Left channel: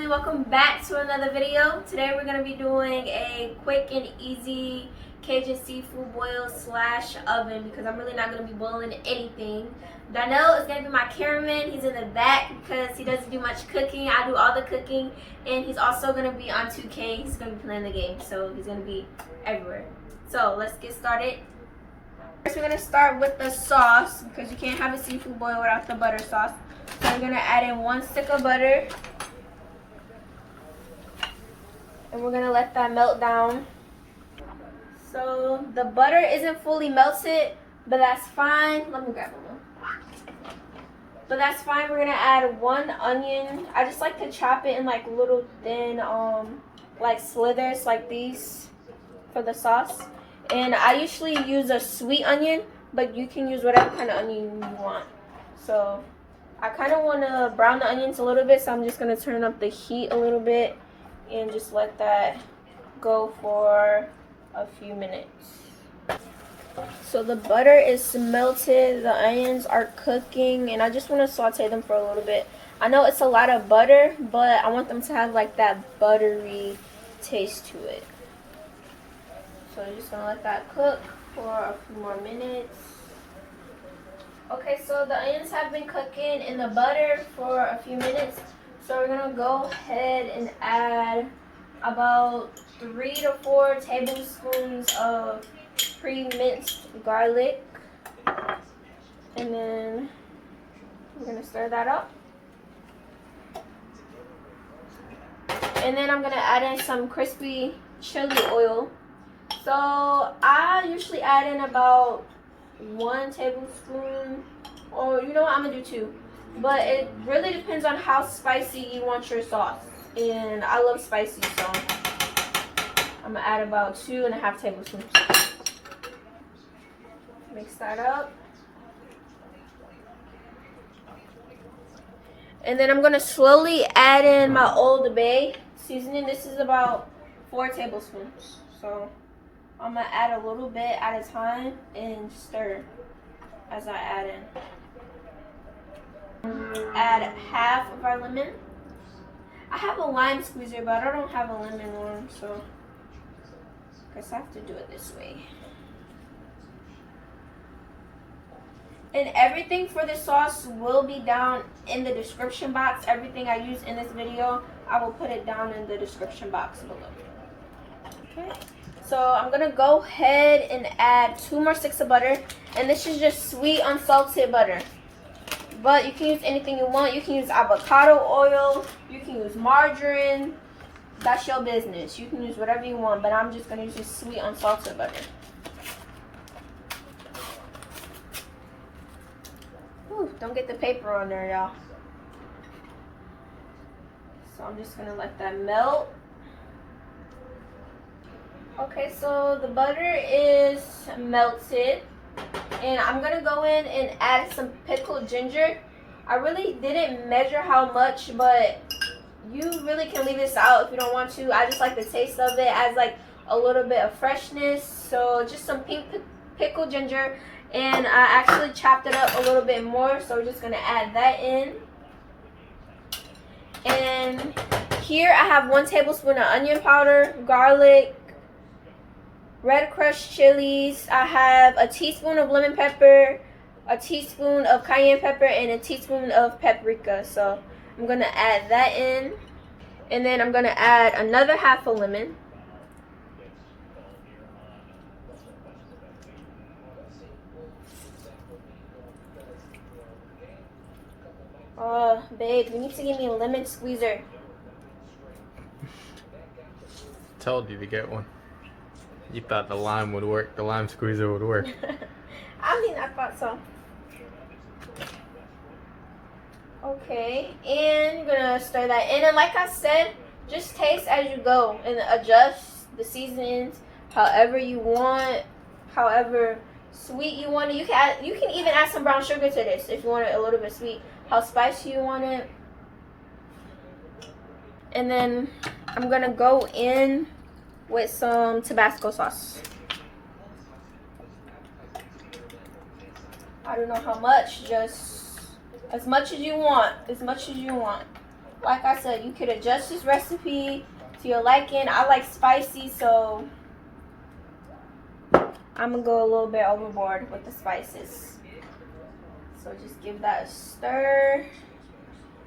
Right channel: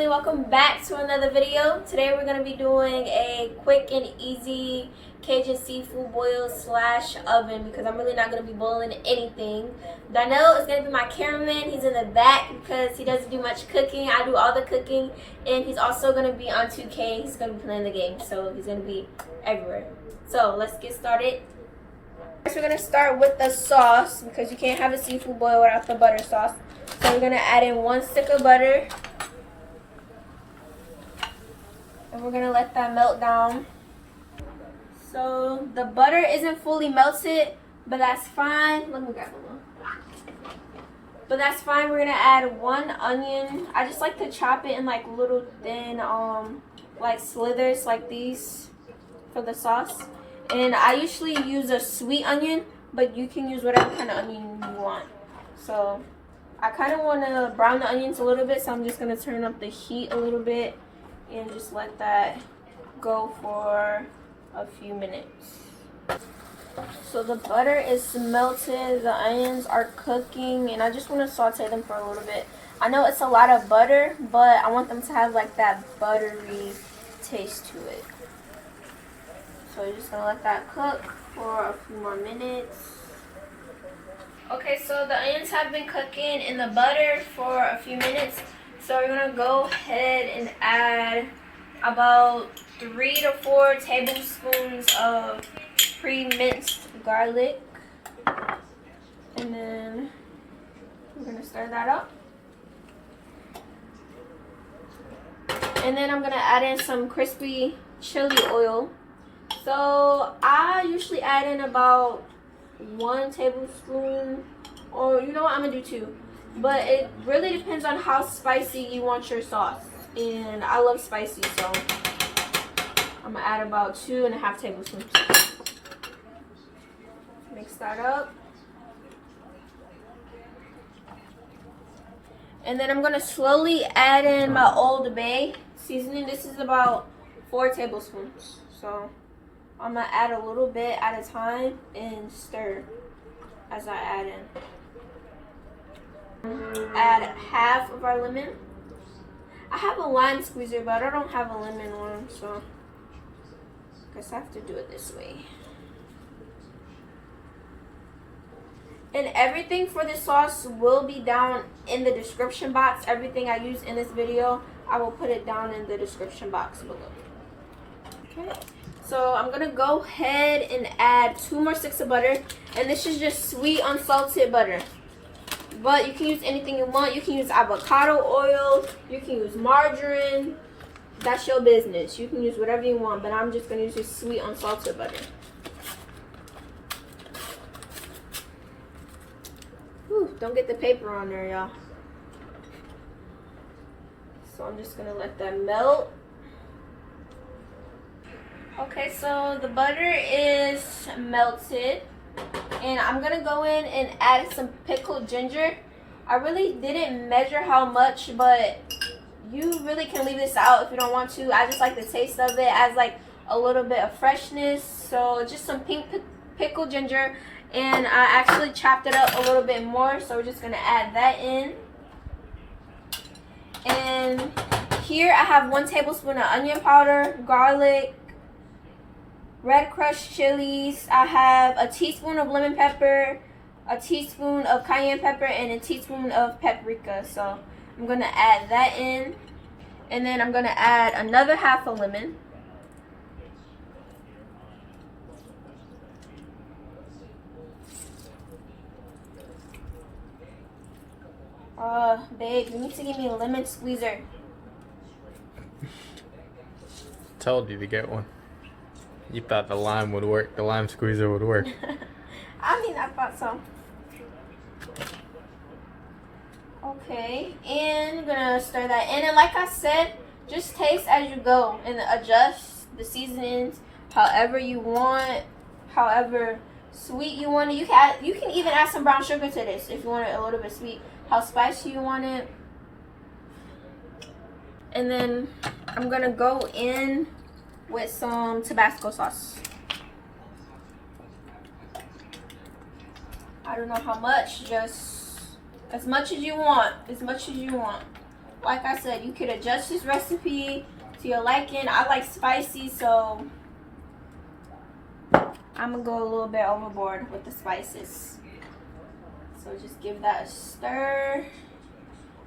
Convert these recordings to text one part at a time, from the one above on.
family, welcome back to another video. Today we're going to be doing a quick and easy Cajun seafood boil slash oven because I'm really not going to be boiling anything. Darnell is going to be my cameraman. He's in the back because he doesn't do much cooking. I do all the cooking, and he's also going to be on 2K. He's going to be playing the game, so he's going to be everywhere. So let's get started. First we're going to start with the sauce because you can't have a seafood boil without the butter sauce. So we're going to add in 1 stick of butter. And we're going to let that melt down. So the butter isn't fully melted, but that's fine. Let me grab a little. But that's fine. We're going to add 1 onion. I just like to chop it in like little thin like slithers like these for the sauce. And I usually use a sweet onion, but you can use whatever kind of onion you want. So I kind of want to brown the onions a little bit, so I'm just going to turn up the heat a little bit and just let that go for a few minutes. So the butter is melted, the onions are cooking, and I just want to saute them for a little bit. I know it's a lot of butter, but I want them to have like that buttery taste to it. So you're just going to let that cook for a few more minutes. Okay, so the onions have been cooking in the butter for a few minutes. So we're going to go ahead and add about 3 to 4 tablespoons of pre-minced garlic. And then we're going to stir that up. And then I'm going to add in some crispy chili oil. So I usually add in about 1 tablespoon, or you know what, I'm going to do 2. But it really depends on how spicy you want your sauce. And I love spicy, so I'm going to add about 2.5 tablespoons. Mix that up. And then I'm going to slowly add in my Old Bay seasoning. This is about 4 tablespoons. So I'm going to add a little bit at a time and stir as I add in. Add half of our lemon. I have a lime squeezer, but I don't have a lemon one, so I guess I have to do it this way. And everything for this sauce will be down in the description box. Everything I use in this video, I will put it down in the description box below. Okay. So I'm going to go ahead and add 2 more sticks of butter. And this is just sweet unsalted butter. But you can use anything you want. You can use avocado oil. You can use margarine. That's your business. You can use whatever you want. But I'm just going to use this sweet unsalted butter. Whew, don't get the paper on there, y'all. So I'm just going to let that melt. Okay, so the butter is melted, and I'm going to go in and add some pickled ginger. I really didn't measure how much, but you really can leave this out if you don't want to. I just like the taste of it, adds like a little bit of freshness. So just some pink pickled ginger, and I actually chopped it up a little bit more, so we're just going to add that in. And here I have 1 tablespoon of onion powder, garlic, red crushed chilies. I have a teaspoon of lemon pepper, a teaspoon of cayenne pepper, and a teaspoon of paprika. So I'm going to add that in. And then I'm going to add another half a lemon. Babe, you need to give me a lemon squeezer. Told you to get one. You thought the lime would work, the lime squeezer would work. I mean, I thought so. Okay, and we're gonna stir that in. And like I said, just taste as you go and adjust the seasonings however you want, however sweet you want it. You can even add some brown sugar to this if you want it a little bit sweet. How spicy you want it. And then I'm gonna go in with some Tabasco sauce. I don't know how much, just as much as you want, as much as you want. like I said, you could adjust this recipe to your liking. I like spicy, so I'm gonna go a little bit overboard with the spices. So just give that a stir.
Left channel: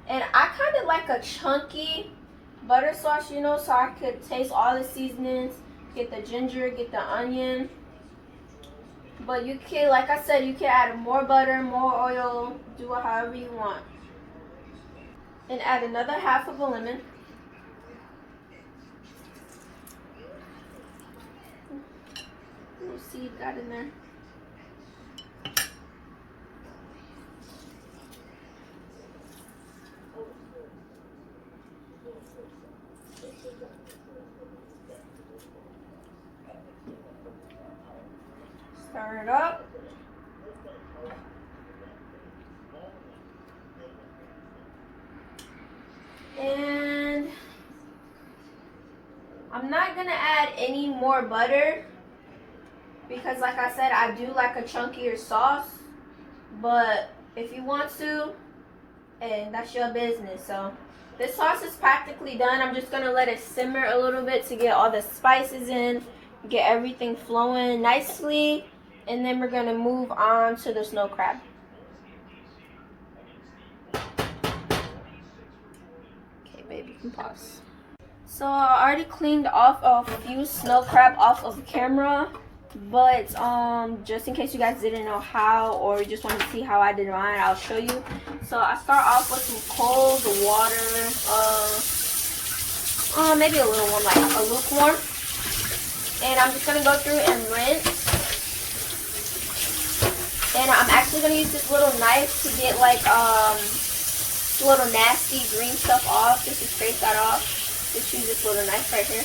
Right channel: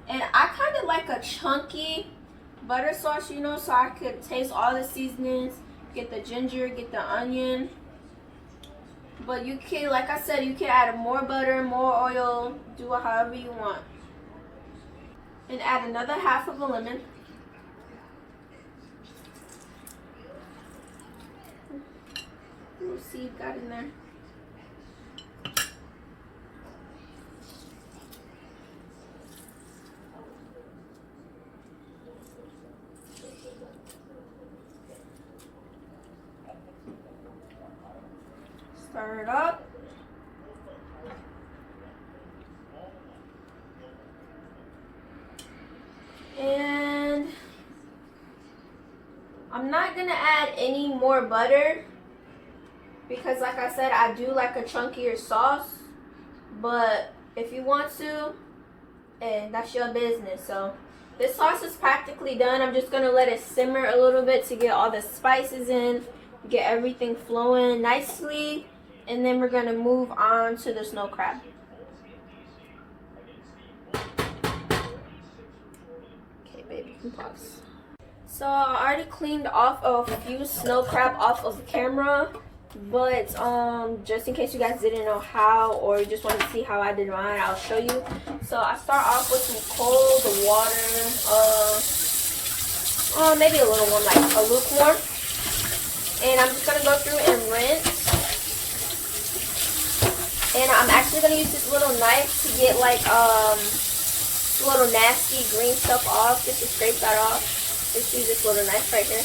And I kind of like a chunky butter sauce, you know, so I could taste all the seasonings, get the ginger, get the onion. But you can, like I said, you can add more butter, more oil, do it however you want. And add another half of a lemon. Little seed got in there. Stir it up. And I'm not gonna add any more butter because, like I said, I do like a chunkier sauce. But if you want to, hey, that's your business. So this sauce is practically done. I'm just gonna let it simmer a little bit to get all the spices in, get everything flowing nicely, and then we're gonna move on to the snow crab. Okay, baby, you can pause. So I already cleaned off a few snow crab off of camera, but just in case you guys didn't know how, or you just want to see how I did mine, I'll show you. So I start off with some cold water, maybe a little warm, like a lukewarm, and I'm just gonna go through and rinse. And I'm actually gonna use this little knife to get like little nasty green stuff off, just to scrape that off. Just use this little knife right here.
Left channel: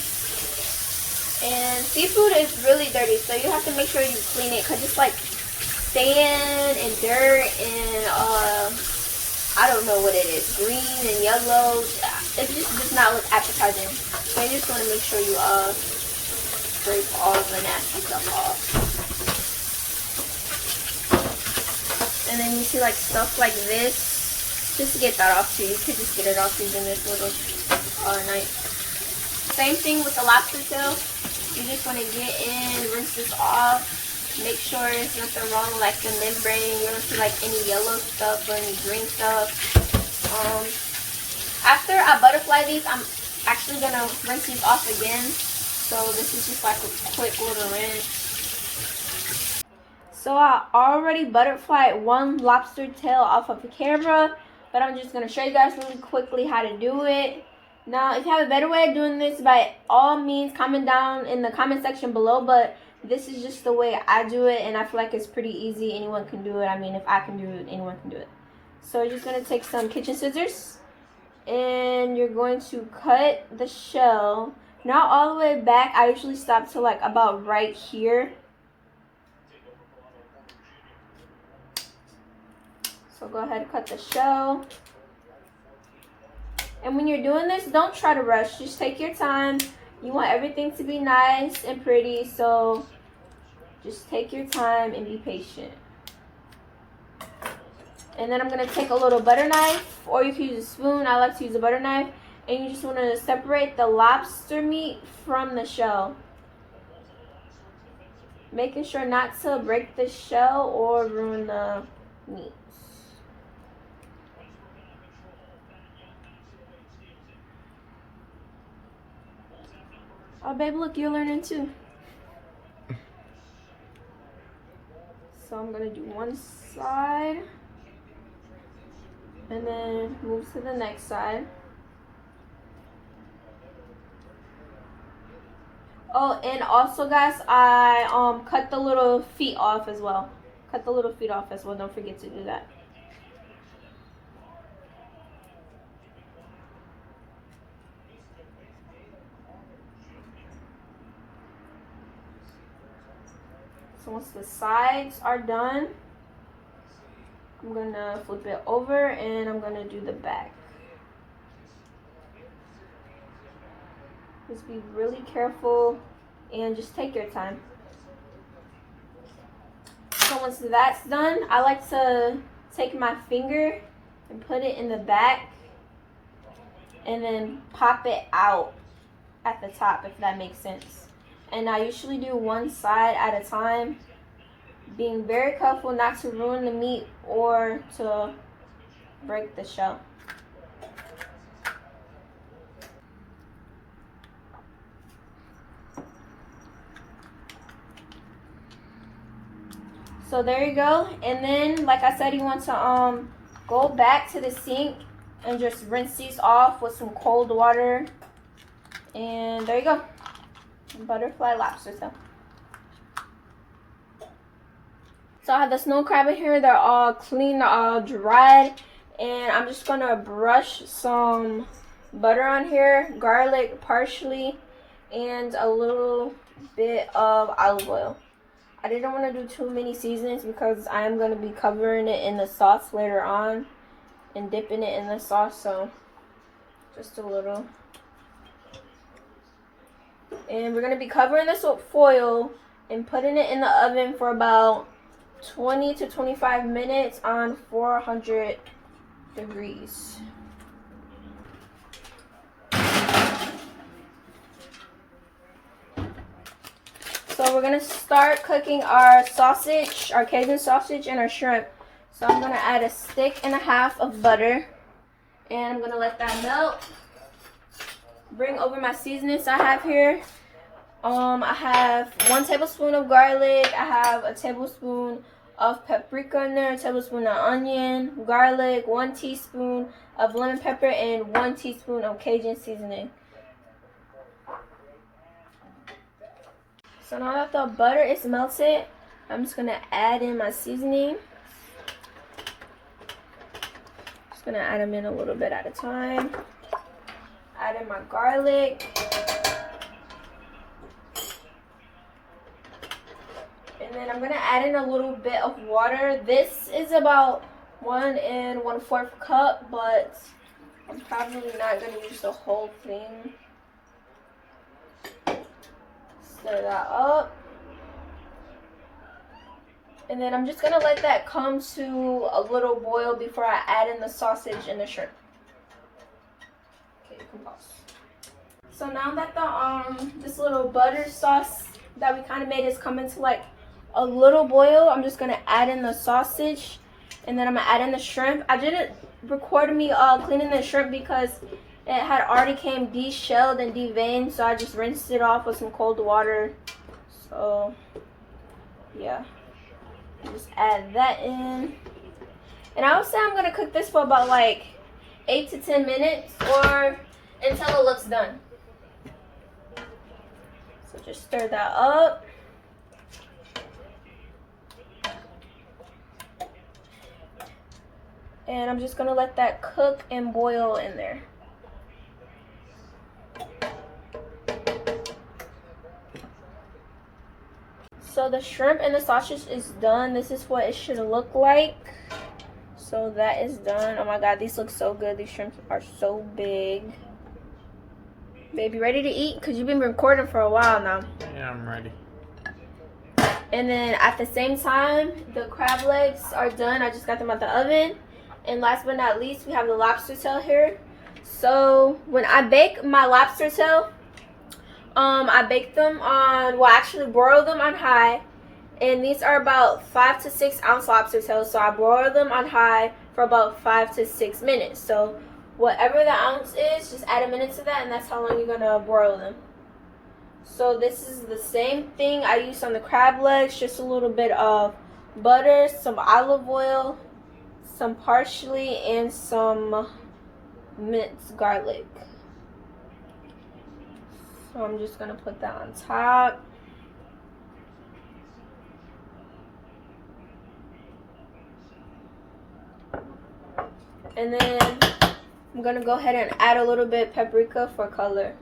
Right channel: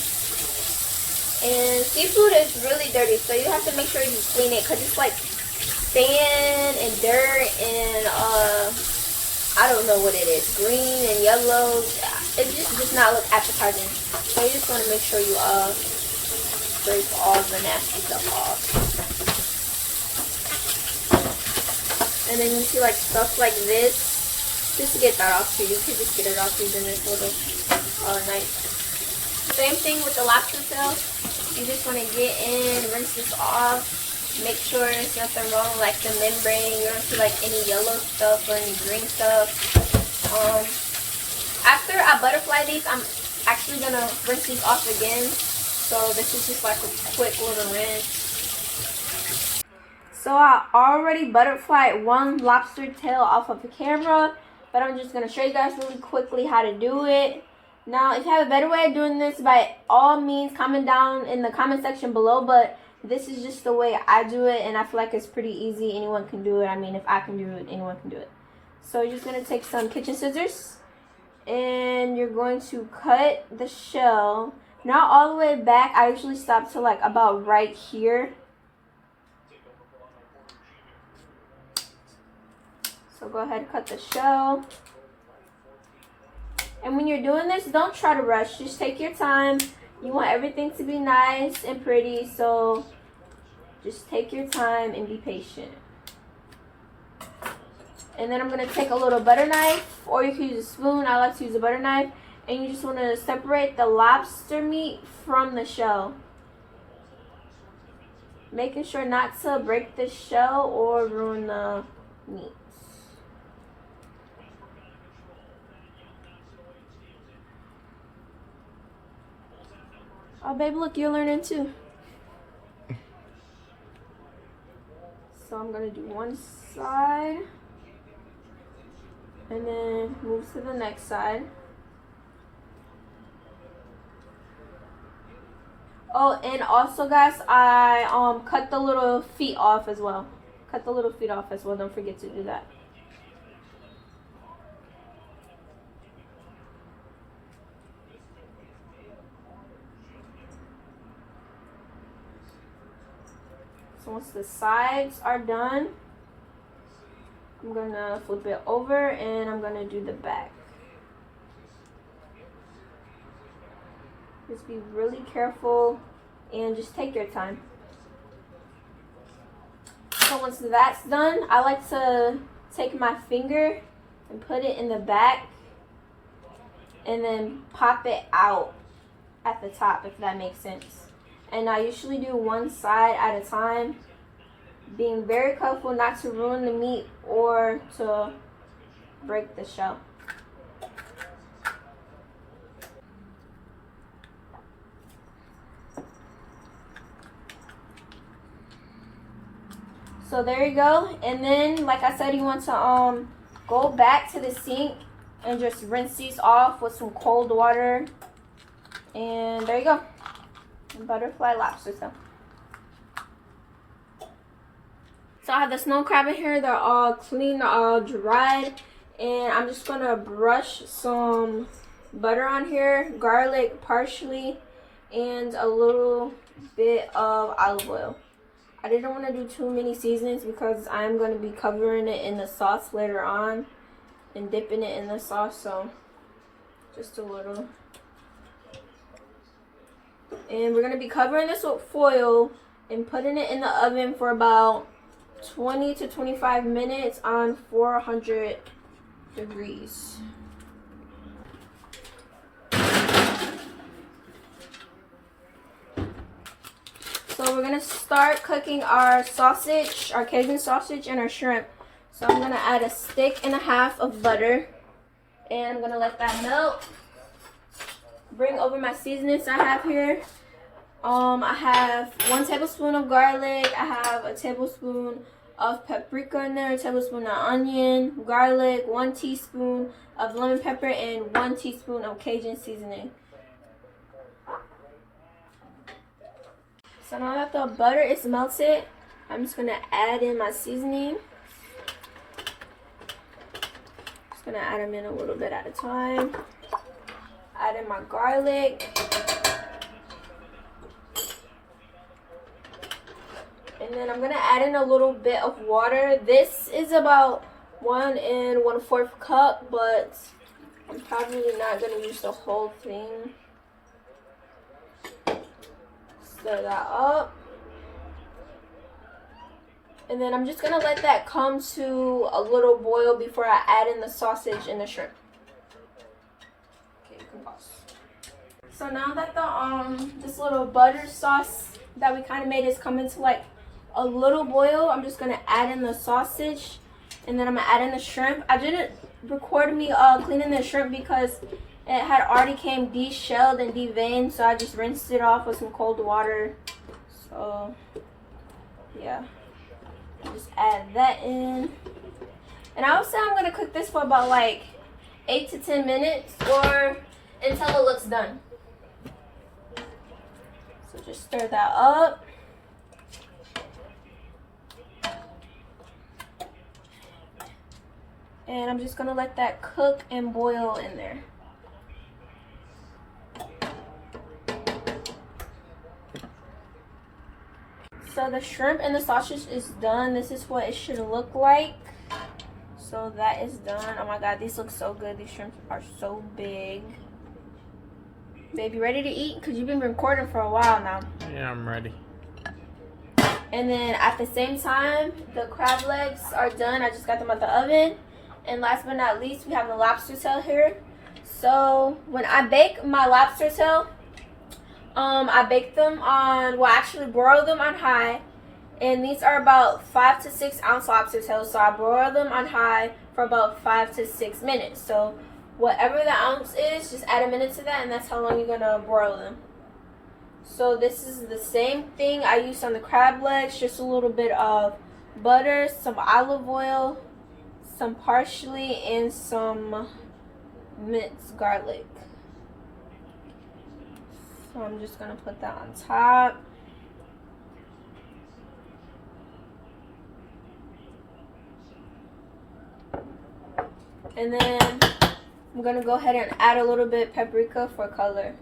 And seafood is really dirty, so you have to make sure you clean it, because it's like sand and dirt and I don't know what it is, green and yellow. It just does not look appetizing. So you just want to make sure you scrape all the nasty stuff off. And then you see like stuff like this, just to get that off too. You could just get it off using this little knife. Same thing with the lobster tail. You just want to get in, rinse this off, make sure there's nothing wrong with like the membrane. You don't see like any yellow stuff or any green stuff. After I butterfly these, I'm actually gonna rinse these off again. So this is just like a quick little rinse. So I already butterflied one lobster tail off of the camera, but I'm just gonna show you guys really quickly how to do it. Now, if you have a better way of doing this, by all means, comment down in the comment section below. But this is just the way I do it, and I feel like it's pretty easy. Anyone can do it. I mean, if I can do it, anyone can do it. So you're just going to take some kitchen scissors, and you're going to cut the shell. Not all the way back. I usually stop to like about right here. So go ahead and cut the shell. And when you're doing this, don't try to rush. Just take your time. You want everything to be nice and pretty, so just take your time and be patient. And then I'm going to take a little butter knife, or you can use a spoon. I like to use a butter knife. And you just want to separate the lobster meat from the shell. Making sure not to break the shell or ruin the meat. Oh, babe, look, you're learning too. So I'm going to do one side. And then move to the next side. Oh, and also, guys, I cut the little feet off as well. Cut the little feet off as well. Don't forget to do that. So once the sides are done, I'm going to flip it over and I'm going to do the back. Just be really careful and just take your time. So once that's done, I like to take my finger and put it in the back and then pop it out at the top, if that makes sense. And I usually do one side at a time, being very careful not to ruin the meat or to break the shell. So there you go. And then, like I said, you want to go back to the sink and just rinse these off with some cold water. And there you go. Butterfly lobster tail. So I have the snow crab in here. They're all clean, they're all dried. And I'm just gonna brush some butter on here, garlic, parsley, and a little bit of olive oil. I didn't want to do too many seasonings because I am going to be covering it in the sauce later on and dipping it in the sauce, so just a little. And we're going to be covering this with foil and putting it in the oven for about 20 to 25 minutes on 400 degrees. So we're gonna start cooking our sausage, our Cajun sausage, and our shrimp. So I'm gonna add a stick and a half of butter, and I'm gonna let that melt. Bring over my seasonings I have here. I have 1 tablespoon of garlic. I have a tablespoon of paprika in there, a tablespoon of onion, garlic, 1 teaspoon of lemon pepper, and 1 teaspoon of Cajun seasoning. So now that the butter is melted, I'm just gonna add in my seasoning. Just gonna add them in a little bit at a time. Add in my garlic. And then I'm gonna add in a little bit of water. This is about 1 1/4 cup, but I'm probably not gonna use the whole thing. Stir that up. And then I'm just gonna let that come to a little boil before I add in the sausage and the shrimp. Okay, you can pause. So now that the this little butter sauce that we kind of made is coming to like a little boil, I'm just gonna add in the sausage, and then I'm gonna add in the shrimp. I didn't record me cleaning the shrimp because it had already came de-shelled and de-veined, so I just rinsed it off with some cold water. So yeah, just add that in. And I would say I'm gonna cook this for about like 8 to 10 minutes or until it looks done. So just stir that up. And I'm just gonna let that cook and boil in there. So the shrimp and the sausage is done. This is what it should look like. So that is done. Oh my god, these look so good. These shrimps are so big. Babe, you ready to eat? Because you've been recording for a while now. Yeah, I'm ready. And then at the same time, the crab legs are done. I just got them out the oven. And last but not least, we have the lobster tail here. So when I bake my lobster tail, I bake them on, well, actually broil them on high. And these are about 5 to 6 ounce lobster tails. So I broil them on high for about 5 to 6 minutes. So whatever the ounce is, just add a minute to that, and that's how long you're gonna broil them. So this is the same thing I used on the crab legs, just a little bit of butter, some olive oil, some parsley, and some minced garlic. So I'm just gonna put that on top. And then I'm gonna go ahead and add a little bit paprika for color.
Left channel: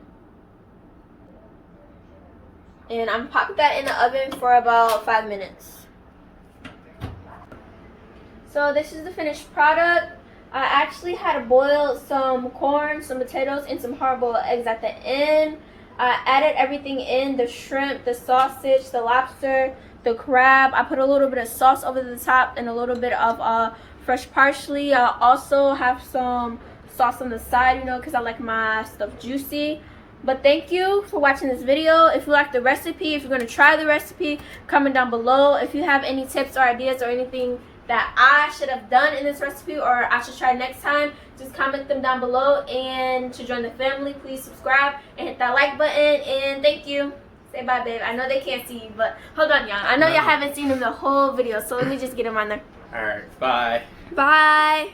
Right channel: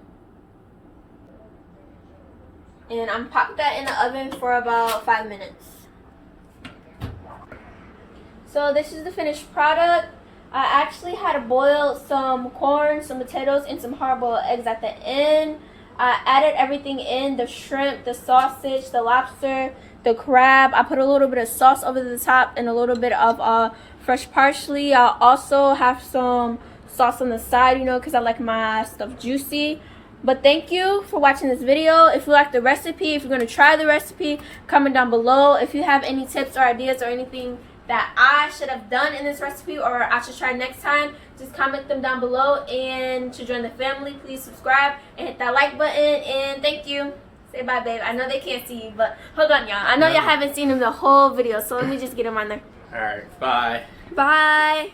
And I'm popping that in the oven for about 5 minutes. So this is the finished product. I actually had to boil some corn, some potatoes, and some hard-boiled eggs at the end. I added everything in, the shrimp, the sausage, the lobster, the crab. I put a little bit of sauce over the top and a little bit of fresh parsley. I also have some sauce on the side, you know, because I like my stuff juicy. But thank you for watching this video. If you like the recipe, if you're going to try the recipe, comment down below. If you have any tips or ideas or anything that I should have done in this recipe or I should try next time, just comment them down below. And to join the family, please subscribe and hit that like button. And thank you. Say bye, babe. I know they can't see you, but hold on, y'all. I know y'all haven't seen him the whole video, so let me just get him on there. Alright, bye. Bye.